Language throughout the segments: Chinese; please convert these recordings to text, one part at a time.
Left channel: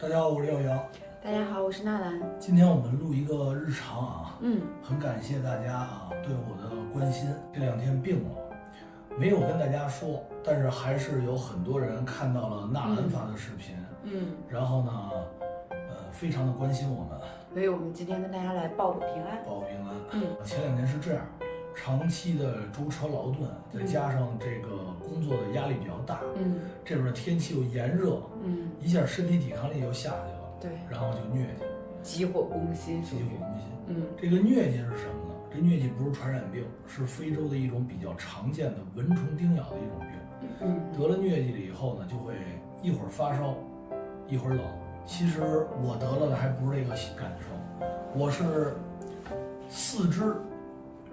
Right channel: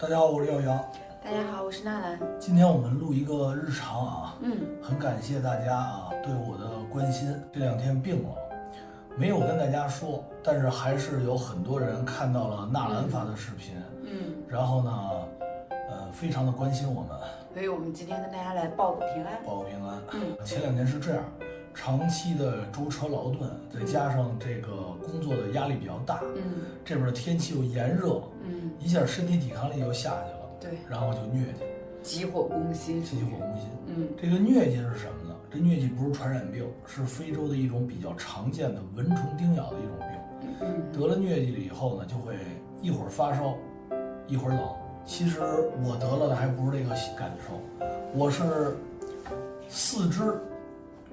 大家好，我是耀阳。大家好，我是纳兰。今天我们录一个日常啊，嗯，很感谢大家啊对我的关心。这2天病了，没有跟大家说，但是还是有很多人看到了纳兰发的视频，然后呢，非常的关心我们，所以我们今天跟大家来报个平安。报个平安。前2年是这样，长期的舟车劳顿，再加上这个工作的压力比较大，这边的天气又炎热，一下身体抵抗力又下去了。对，然后就疟疾，急火攻心，急火攻心。这个疟疾是什么呢？这疟疾不是传染病，是非洲的一种比较常见的蚊虫叮咬的一种病。得了疟疾了以后呢，就会一会儿发烧，一会儿冷。其实我得了的还不是这个感受，我是4肢，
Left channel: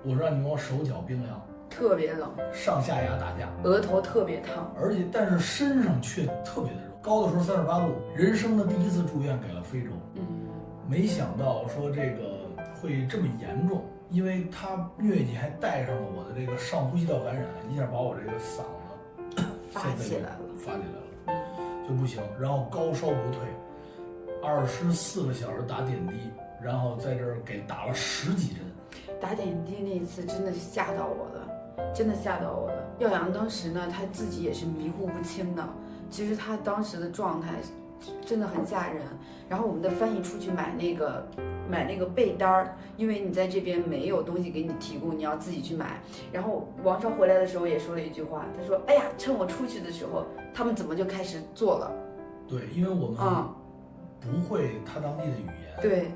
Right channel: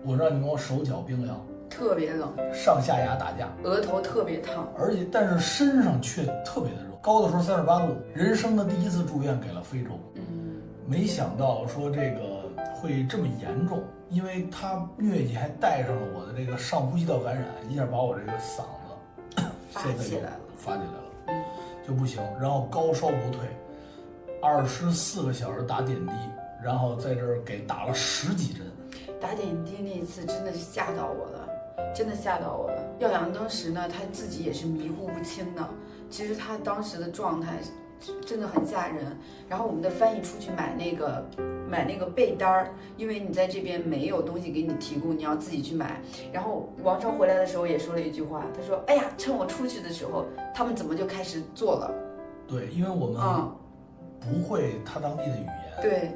我让你跟我手脚冰凉，特别冷，上下牙打架，额头特别烫，但是身上却特别的热，高的时候38度。人生的第1次住院给了非洲，没想到说这个会这么严重，因为他疟疾还带上了我的这个上呼吸道感染，一下把我这个嗓子发起来了，就不行，然后高烧不退，24个小时打点滴，然后在这儿给打了10几针。打点滴那一次真的是吓到我了，真的吓到我了。耀阳当时呢，他自己也是迷糊不清的，其实他当时的状态真的很吓人。然后我们的翻译出去买那个被单儿，因为你在这边没有东西给你提供，你要自己去买。然后王超回来的时候也说了一句话，他说：“哎呀，趁我出去的时候，他们怎么就开始做了？”对，因为我们不会他当地的语言。对。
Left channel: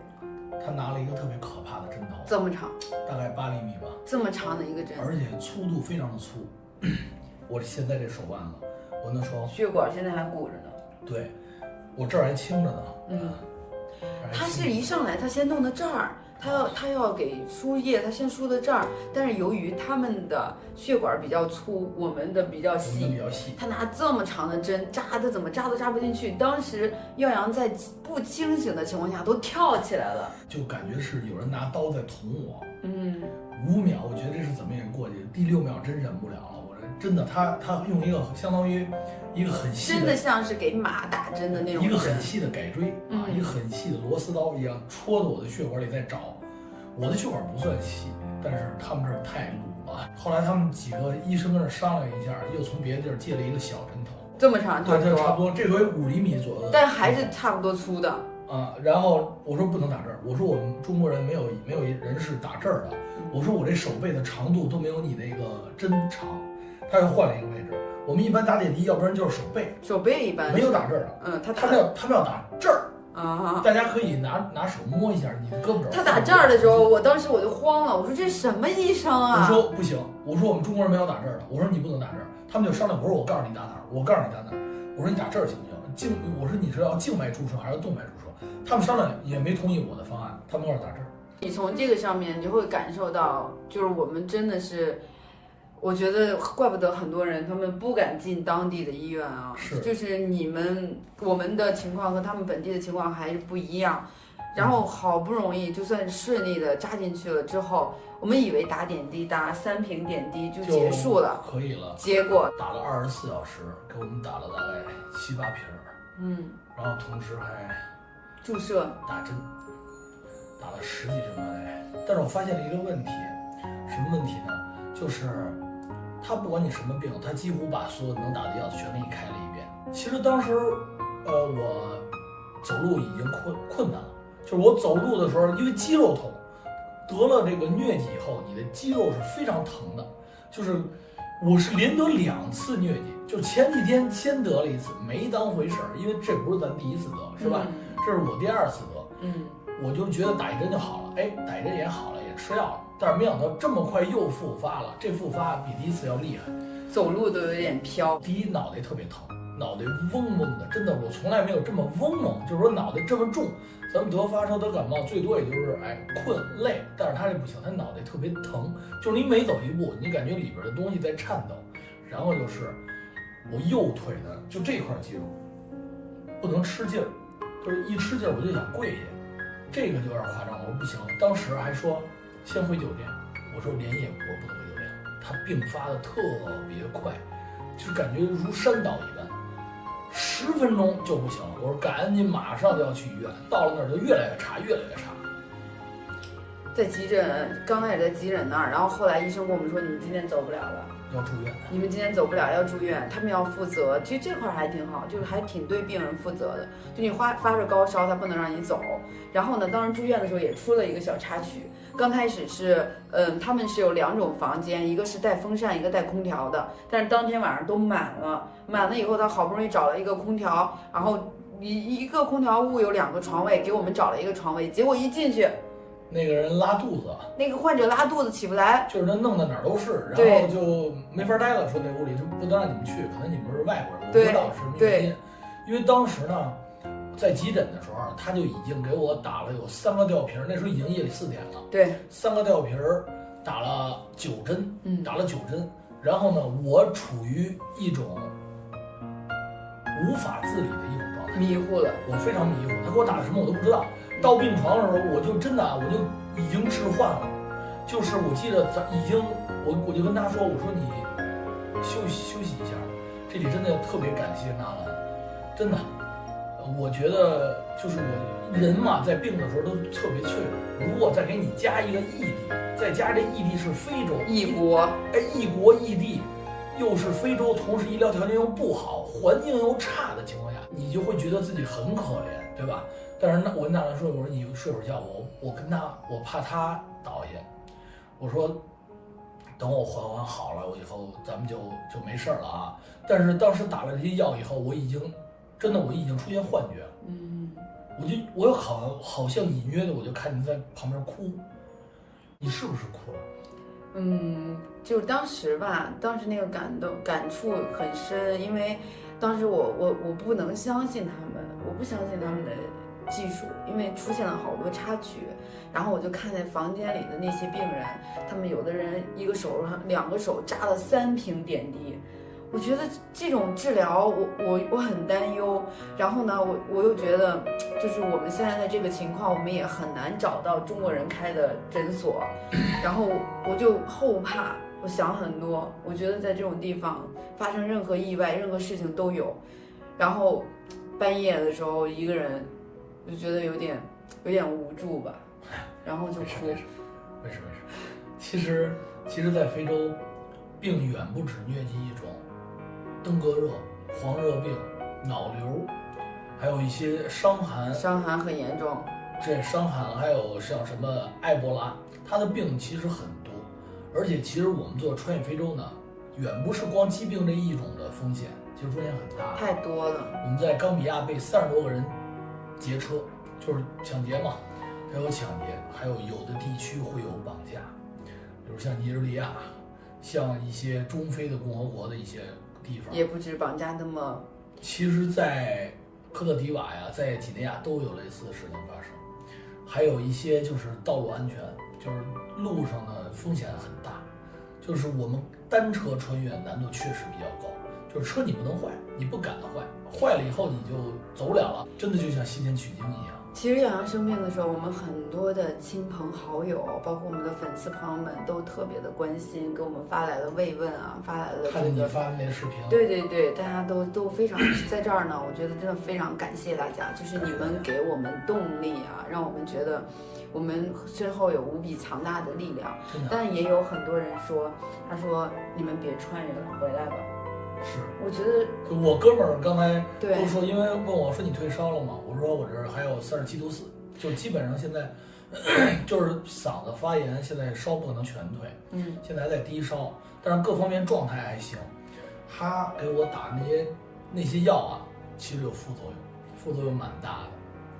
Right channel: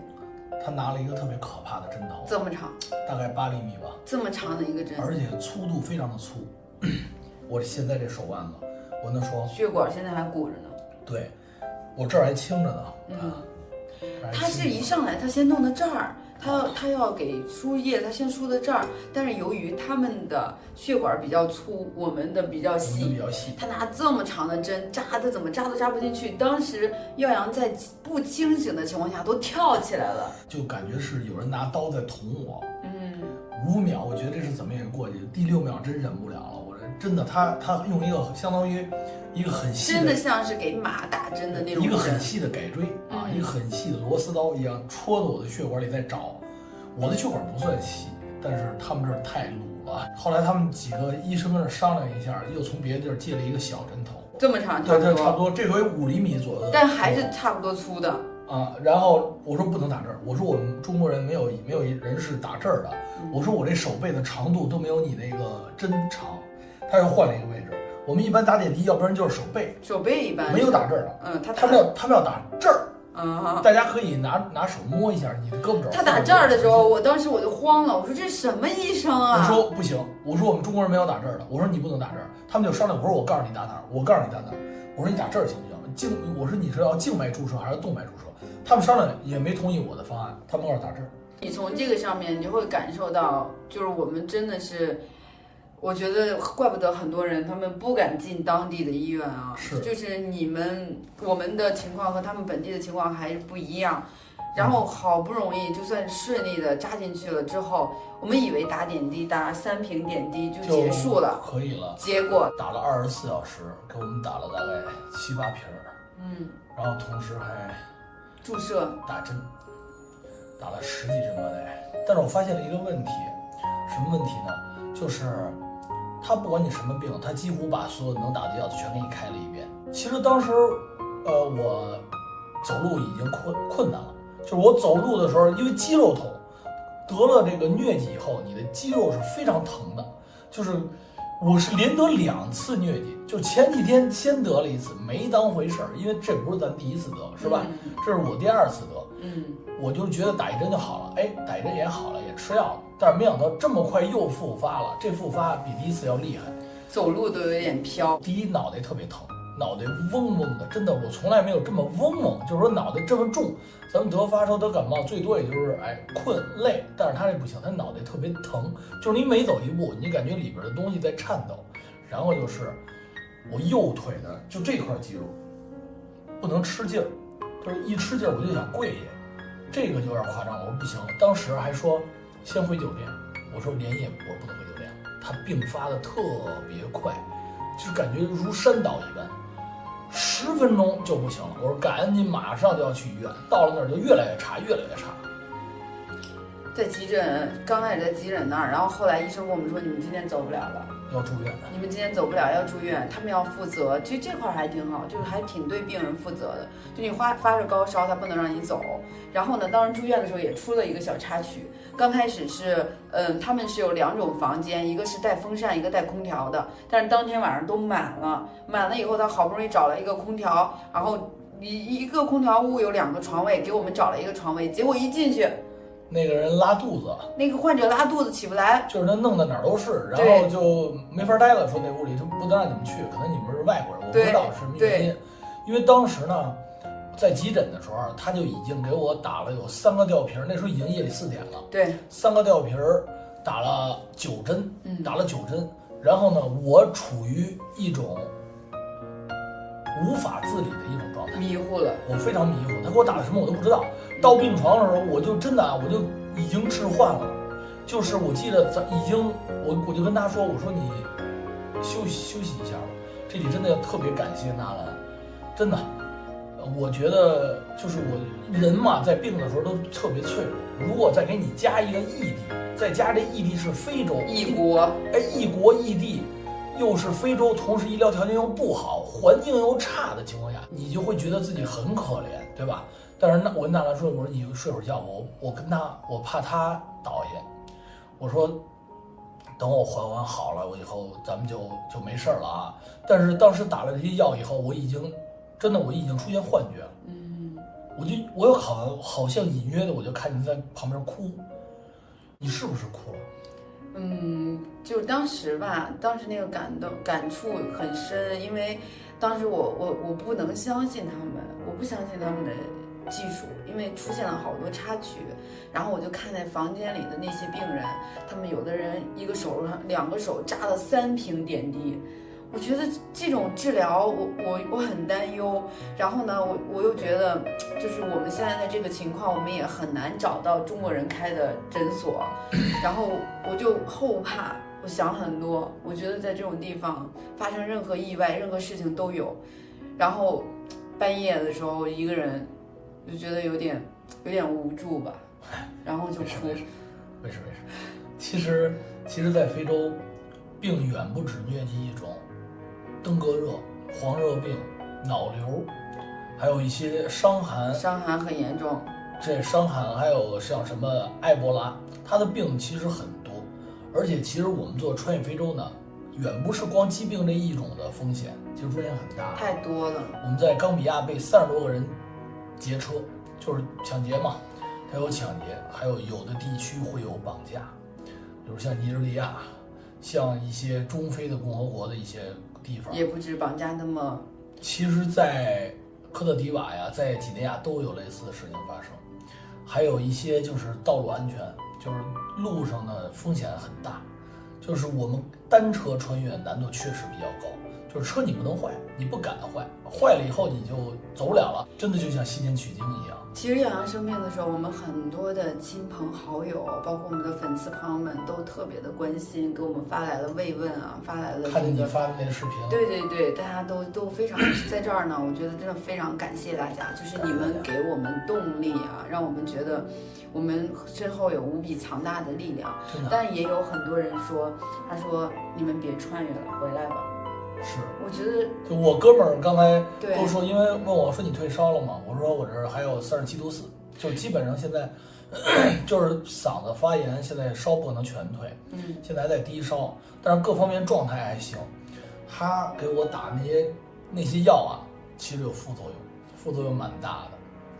他拿了一个特别可怕的针头，这么长，大概8厘米吧，这么长的一个针，而且粗度非常的粗。我现在这手腕子，我能说血管现在还鼓着呢。对，我这儿还青着呢。他是一上来他先弄到这儿，他要给输液，他先输到这儿，但是由于他们的血管比较粗，我们的比较细，他拿这么长的针扎的怎么扎都扎不进去。当时耀阳在不清醒的情况下都跳起来了，就感觉是有人拿刀在捅我。5秒，我觉得这是怎么也过去，第6秒真忍不了了。我这真的，他用一个相当于一个很细的，真的像是给马打针的那种针，一个很细的改锥啊，一个很细的螺丝刀一样戳到我的血管里在找。我的血管不算细，但是他们这儿太鲁了。后来他们几个医生跟这商量一下，又从别的地儿借了一个小针头，这么长，差不多，这回5厘米左右的，但还是差不多粗的啊。然后我说不能打这儿，我说我们中国人没有人是打这儿的，我说我这手背的长度都没有你那个针长。他又换了一个位置，我们一般打点滴，要不然就是手背一般没有打这儿的，他们要打这儿。大家可以拿手摸一下你的胳膊肘。他打这儿的时候，我当时我就慌了，我说这是什么医生啊？我说不行，我说我们中国人没有打这儿的，我说你不能打这儿。他们就商量，我说我告诉你打哪儿，我告诉你打哪儿。我说你打这儿行不行？我说你是要静脉注射还是动脉注射？他们商量也没同意我的方案，他们要打这儿。你从这个上面你就会感受到，就是我们真的是。我觉得怪不得很多人他们不敢进当地的医院啊，就是我们的情况和他们本地的情况还是不一样。然后好不容易就算顺利的扎进去了之后，我们以为打点滴打3瓶点滴就结束了，可以了，结果打了24小时，给我们打了大概7、8瓶，然后同时还注射打针，打了10几针吧得。但是我发现了一个问题，什么问题呢？就是他不管你什么病，他几乎把所有能打的药全给你开了一遍。其实当时，我走路已经困难了，就是我走路的时候，因为肌肉痛，得了这个疟疾以后，你的肌肉是非常疼的。就是我是连得2次疟疾，就前几天先得了1次，没当回事儿，因为这不是咱第1次得，是吧？这是我第2次得，我就觉得打1针就好了，打1针也好了，也吃药了。但是没想到这么快又复发了，这复发比第1次要厉害，走路都有点飘。第一脑袋特别疼，脑袋嗡嗡的，真的我从来没有这么嗡嗡，就是说脑袋这么重。咱们得发烧得感冒最多也就是困累，但是他这不行，他脑袋特别疼，就是你每走一步，你感觉里边的东西在颤抖。然后就是我右腿的就这块肌肉不能吃劲儿，就是一吃劲儿我就想跪下，这个就有点夸张了，我不行了。当时还说先回酒店，我说连夜我不能回酒店，他病发的特别快，就感觉如山倒一般。10分钟就不行了。我说赶紧马上就要去医院，到了那儿就越来越差，越来越差。在急诊，刚开始在急诊那儿，然后后来医生跟我们说，你们今天走不了了，要住院的。你们今天走不了，要住院，他们要负责。其实这块还挺好，就是还挺对病人负责的。就你发着高烧，他不能让你走。然后呢，当时住院的时候也出了一个小插曲。刚开始是，他们是有2种房间，一个是带风扇，一个带空调的。但是当天晚上都满了，满了以后，他好不容易找了一个空调，然后一个空调屋有2个床位，给我们找了一个床位。结果一进去，那个人拉肚子，那个患者拉肚子起不来，就是他弄的哪儿都是，然后就没法待了。说那屋里就不能让你们去，可能你们是外国人，我不知道是什么原因。因为当时呢，在急诊的时候，他就已经给我打了有3个吊瓶，那时候已经夜里4点了。对，3个吊瓶打了9针，打了9针。然后呢，我处于一种无法自理的一种状态，迷糊了，我非常迷糊。他给我打了什么我都不知道。到病床的时候，我就真的我就已经置换了，就是我记得已经我就跟他说，我说你休息一下，这里真的特别感谢纳兰，真的，我觉得就是我人嘛，在病的时候都特别脆弱。如果再给你加一个异地，再加这异地是非洲异国，异国异地，又是非洲，同时医疗条件又不好，环境又差的情况下，你就会觉得自己很可怜，对吧？但是我跟纳兰说，我说你睡会儿觉，我怕他倒下，我说等我缓好了，我以后咱们就没事了啊。但是当时打了这些药以后，我已经出现幻觉了，我好像隐约的我就看你在旁边哭，你是不是哭了？就是当时吧，当时那个感触很深，因为当时我不能相信他们，我不相信他们的技术，因为出现了好多插曲。然后我就看在房间里的那些病人，他们有的人1个手上2个手扎了3瓶点滴，我觉得这种治疗我很担忧。然后呢，我又觉得就是我们现在的这个情况，我们也很难找到中国人开的诊所，然后我就后怕，我想很多，我觉得在这种地方发生任何意外，任何事情都有。然后半夜的时候一个人就觉得有点无助吧，然后就哭。没事。其实，在非洲，病远不止疟疾一种，登革热、黄热病、脑瘤，还有一些伤寒很严重。这伤寒还有像什么埃博拉，它的病其实很多。而且其实我们做穿越非洲呢，远不是光疾病这一种的风险，其实风险很大，太多了。我们在冈比亚被30多个人劫车，就是抢劫嘛，它有抢劫，还有的地区会有绑架，比如像尼日利亚，像一些中非的共和国的一些地方，也不止绑架那么。其实，在科特迪瓦呀，在几内亚都有类似的事情发生，还有一些就是道路安全，就是路上的风险很大，就是我们单车穿越难度确实比较高，就是车你不能坏，你不敢坏，坏了以后你就走不了了，真的就像西天取经一样。其实耀阳生病的时候，我们很多的亲朋好友，包括我们的粉丝朋友们，都特别的关心，给我们发来了慰问啊，发来了看见你发的那个视频。对，大家都非常在这儿呢。我觉得真的非常感谢大家，就是你们给我们动力啊，让我们觉得我们身后有无比强大的力量。但是也有很多人说，他说你们别穿越了，回来吧。是，我觉得我哥们儿刚才都说，因为问我说你退烧了吗？我说我这儿还有37度4，就基本上现在就是嗓子发炎，现在烧不能全退，现在还在低烧，但是各方面状态还行。他给我打那些药啊，其实有副作用，副作用蛮大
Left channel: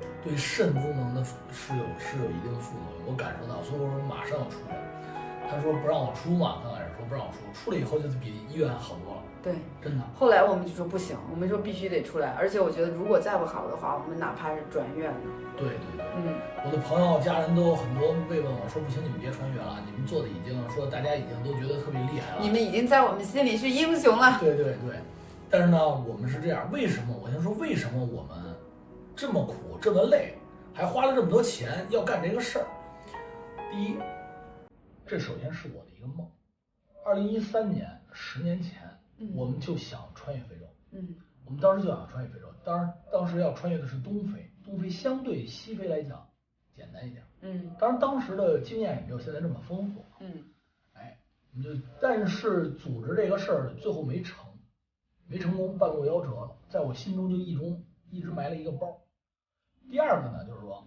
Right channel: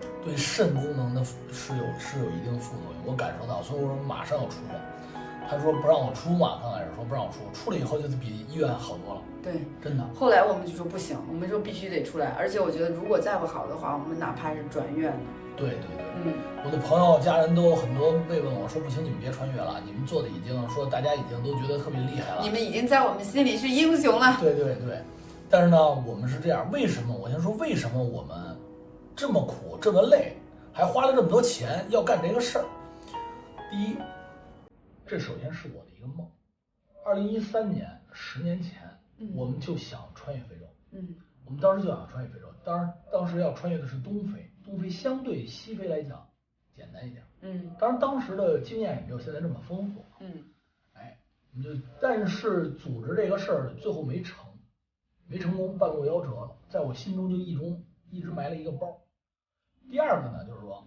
的，对肾功能的是有一定的副作用，我感受到，所以我说马上要出院。他说不让我出嘛，刚开始说不让我出，出了以后就比医院好多了。对，真的。后来我们就说不行，我们说必须得出来，而且我觉得如果再不好的话，我们哪怕是转院呢。对，我的朋友家人都有很多慰问我说，不行，你们别穿越了，你们做的已经说大家已经都觉得特别厉害了，你们已经在我们心里是英雄了。对。但是呢，我们是这样，为什么？我先说为什么我们这么苦这么累，还花了这么多钱要干这个事儿。第一，这首先是我的一个梦。2013年，10年前，我们就想穿越非洲。我们当时就想穿越非洲，当时要穿越的是东非，东非相对西非来讲简单一点。当然当时的经验也没有现在这么丰富。我们但是组织这个事儿最后没成功，半路夭折了，在我心中就一直埋了一个包。第二个呢，就是说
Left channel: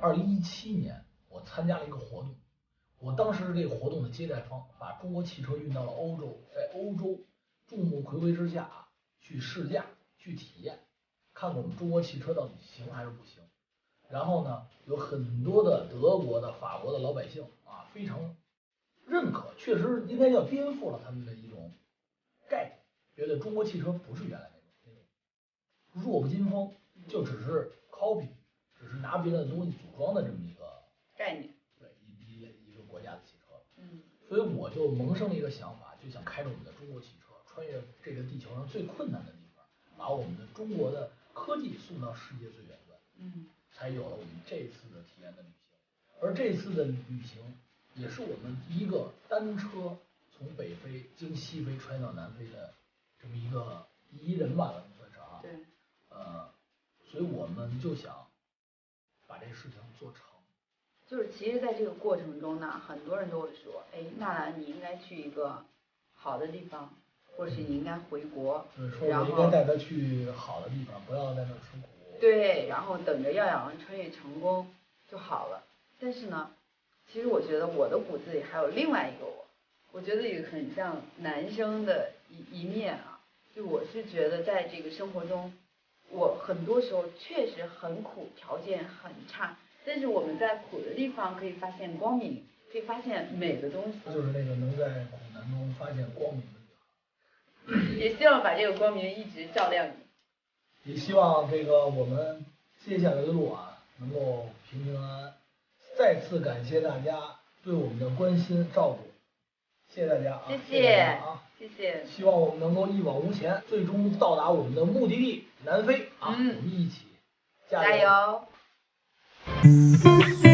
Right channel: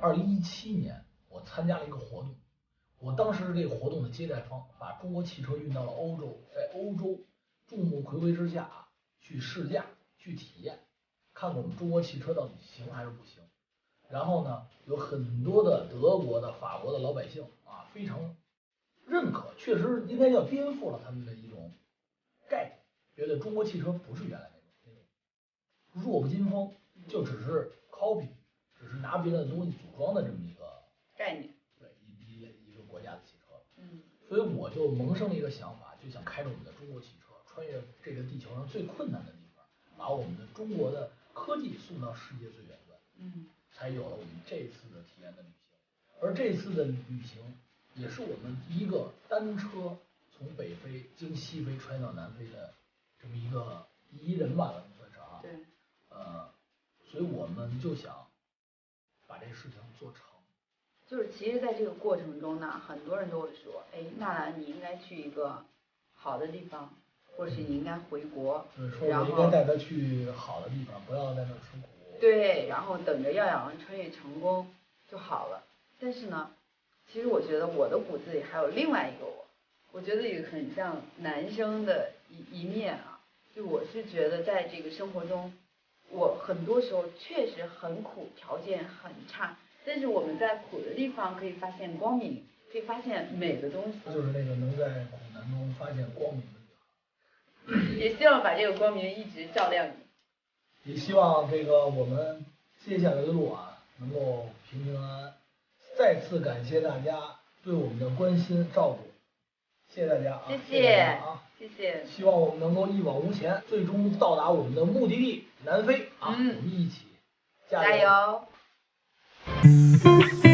，2017年我参加了一个活动，我当时这个活动的接待方把中国汽车运到了欧洲，在欧洲众目睽睽之下去试驾、去体验，看看我们中国汽车到底行还是不行。然后呢，有很多的德国的、法国的老百姓啊，非常认可，确实应该叫颠覆了他们的一种概念，觉得中国汽车不是原来那种弱不禁风，就只是 copy， 只是拿别人的东西组装的这么一个概念，对一个国家的汽车。所以我就萌生了一个想法，就想开着我们的中国汽车，穿越这个地球上最困难的地方，把我们的中国的科技送到世界最远端。才有了我们这次的体验的旅行。而这次的旅行也是我们第一个单车从北非经西非穿到南非的这么一个第一人吧，算是啊。对。所以我们就想把这事情做成。就是其实，在这个过程中呢，很多人都会说，哎，纳兰你应该去一个好的地方，或者是你应该回国。说我应该带他去好的地方，不要在那吃苦。对，然后等着耀阳穿越成功就好了。但是呢，其实我觉得我的骨子里还有另外一个我觉得也很像男生的一面啊。就我是觉得在这个生活中，我很多时候确实很苦，条件很差，但是我们在苦的地方可以发现光明，可以发现美的东西。就是那个能在苦难中发现光明的女孩。也希望把这个光明一直照亮你。也希望这个我们接下来的路啊，能够平平安安。再次感谢大家对我们的关心照顾，谢谢大家啊！谢谢啊！谢谢。希望我们能够一往无前，最终到达我们的目的地南非啊！我们一起加油！加油！